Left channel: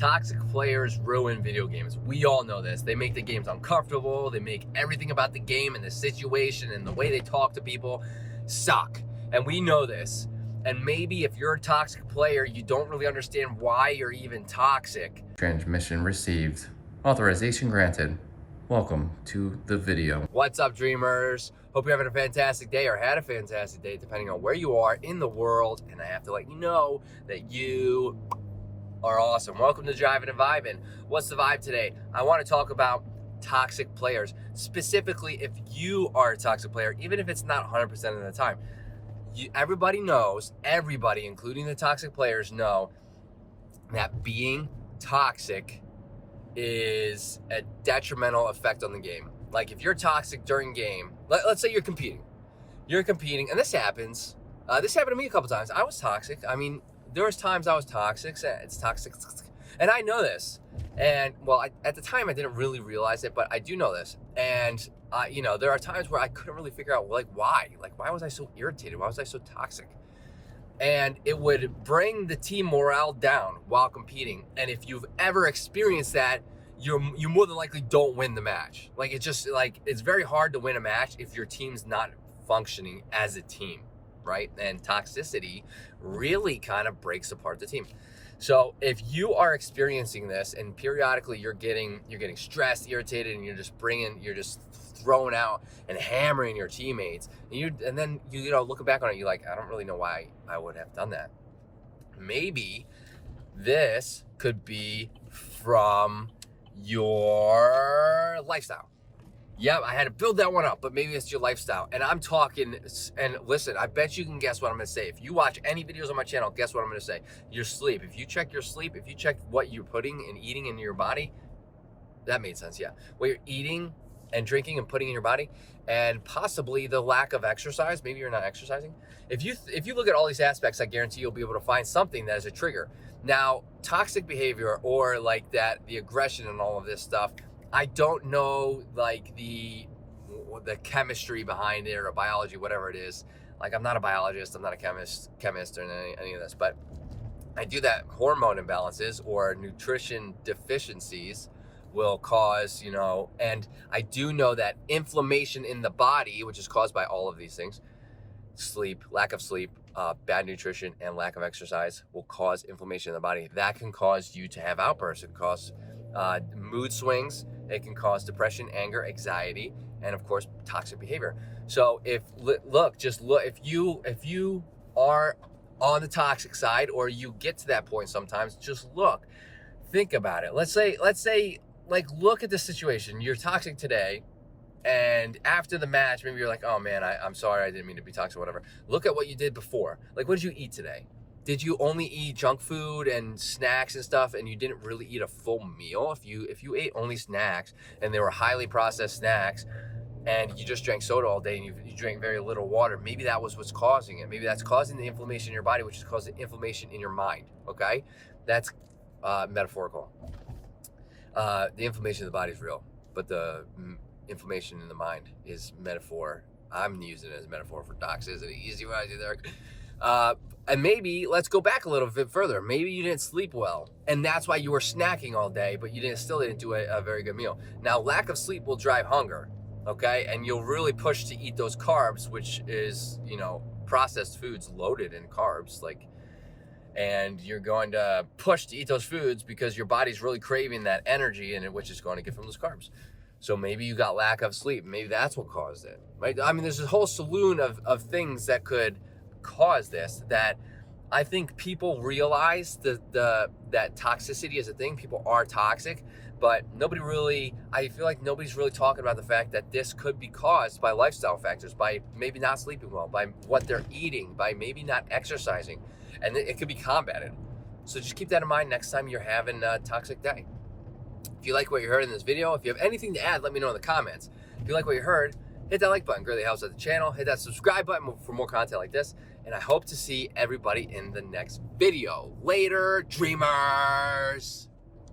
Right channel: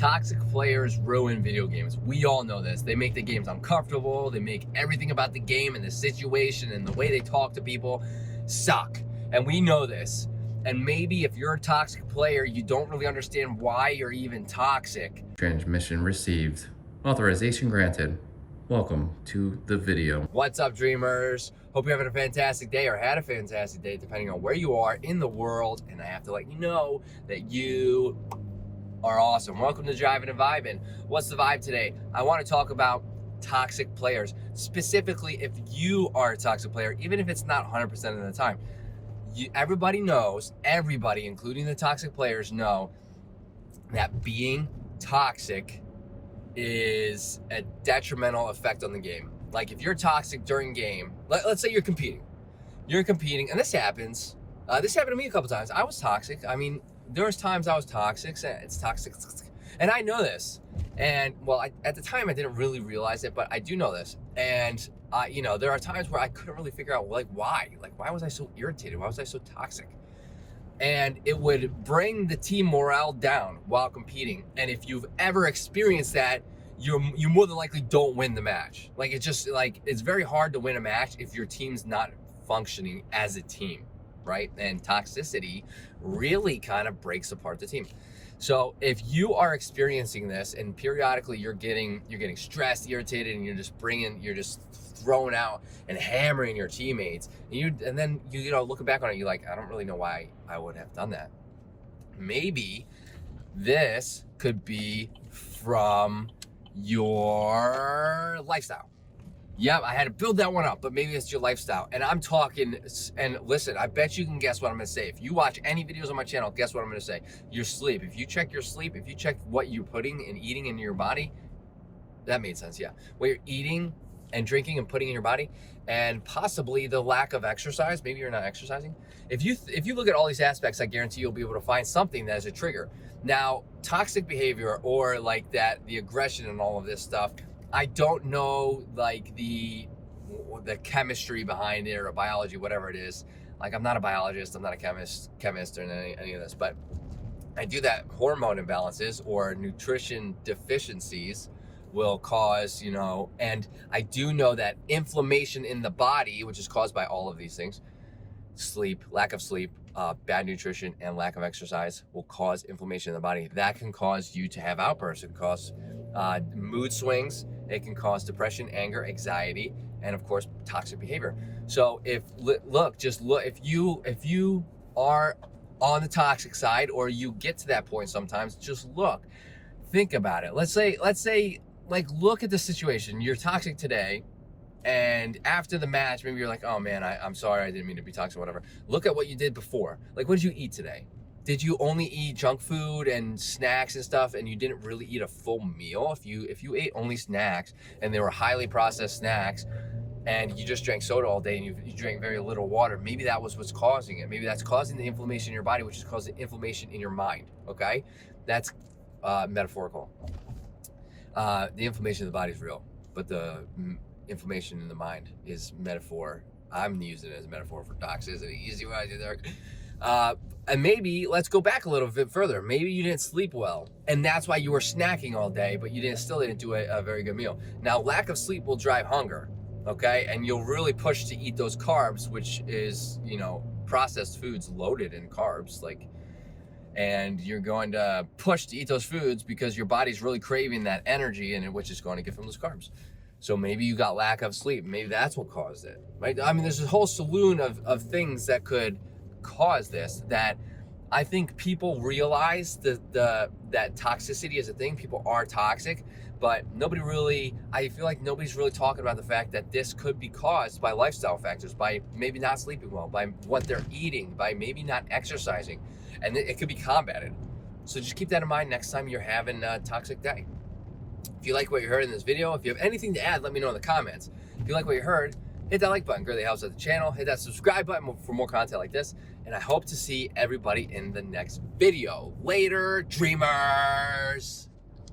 Toxic players ruin video games. We all know this. They make the games uncomfortable. They make everything about the game and the situation and the way they talk to people suck. And we know this. And maybe if you're a toxic player, you don't really understand why you're even toxic. Transmission received. Authorization granted. Welcome to the video. What's up, dreamers? Hope you're having a fantastic day or had a fantastic day, depending on where you are in the world. And I have to let you know that you are awesome. Welcome to Driving and Vibing. What's the vibe today? I want to talk about toxic players. Specifically, if you are a toxic player, even if it's not 100% of the time. Everybody knows, everybody, including the toxic players, know that being toxic is a detrimental effect on the game. Like if you're toxic during game, let's say you're competing, and this happens. This happened to me a couple times. I was toxic. I mean, there was times I was toxic. It's toxic, and I know this. And well, at the time I didn't really realize it, but I do know this. And there are times where I couldn't really figure out why was I so irritated? Why was I so toxic? And it would bring the team morale down while competing. And if you've ever experienced that, you more than likely don't win the match. It's very hard to win a match if your team's not functioning as a team, right? And toxicity really kind of breaks apart the team. So if you are experiencing this and periodically you're getting stressed, irritated, and you're just throwing out and hammering your teammates, and then you looking back on it, you're like, I don't really know why I would have done that. Maybe this could be from your lifestyle. Yeah, I had to build that one up, but maybe it's your lifestyle. And I'm talking, and listen, I bet you can guess what I'm gonna say. If you watch any videos on my channel, guess what I'm gonna say? Your sleep. If you check your sleep, if you check what you're putting and eating into your body, that made sense, yeah. What you're eating and drinking and putting in your body, and possibly the lack of exercise, maybe you're not exercising. If you look at all these aspects, I guarantee you'll be able to find something that is a trigger. Now, toxic behavior or like that, the aggression and all of this stuff, I don't know like the chemistry behind it or biology, whatever it is. Like I'm not a biologist, I'm not a chemist or any of this, but I do that hormone imbalances or nutrition deficiencies will cause, and I do know that inflammation in the body, which is caused by all of these things, sleep, lack of sleep, bad nutrition, and lack of exercise will cause inflammation in the body. That can cause you to have outbursts. It can cause mood swings. It can cause depression, anger, anxiety, and of course, toxic behavior. So if you are on the toxic side, or you get to that point sometimes, just think about it. Let's say, look at the situation. You're toxic today, and after the match, maybe you're like, oh man, I'm sorry, I didn't mean to be toxic, whatever. Look at what you did before. Like, what did you eat today? Did you only eat junk food and snacks and stuff, and you didn't really eat a full meal? If you ate only snacks, and they were highly processed snacks, and you just drank soda all day, and you drank very little water, maybe that was what's causing it. Maybe that's causing the inflammation in your body, which is causing inflammation in your mind, okay? That's metaphorical. The inflammation in the body is real, but the inflammation in the mind is metaphor. I'm using it as a metaphor for toxicity. You see what I did there? And maybe let's go back a little bit further. Maybe you didn't sleep well, and that's why you were snacking all day, but you still didn't do a very good meal. Now, lack of sleep will drive hunger, okay? And you'll really push to eat those carbs, which is, processed foods loaded in carbs, and you're going to push to eat those foods because your body's really craving that energy, and which is going to get from those carbs. So maybe you got lack of sleep. Maybe that's what caused it, right? I mean, there's a whole saloon of things that could cause this, that I think people realize that toxicity is a thing. People are toxic, but I feel like nobody's really talking about the fact that this could be caused by lifestyle factors, by maybe not sleeping well, by what they're eating, by maybe not exercising, and it could be combated. So just keep that in mind next time you're having a toxic day. If you like what you heard in this video, if you have anything to add, let me know in the comments. If you like what you heard, hit that like button, greatly helps out the channel. Hit that subscribe button for more content like this. And I hope to see everybody in the next video. Later, dreamers.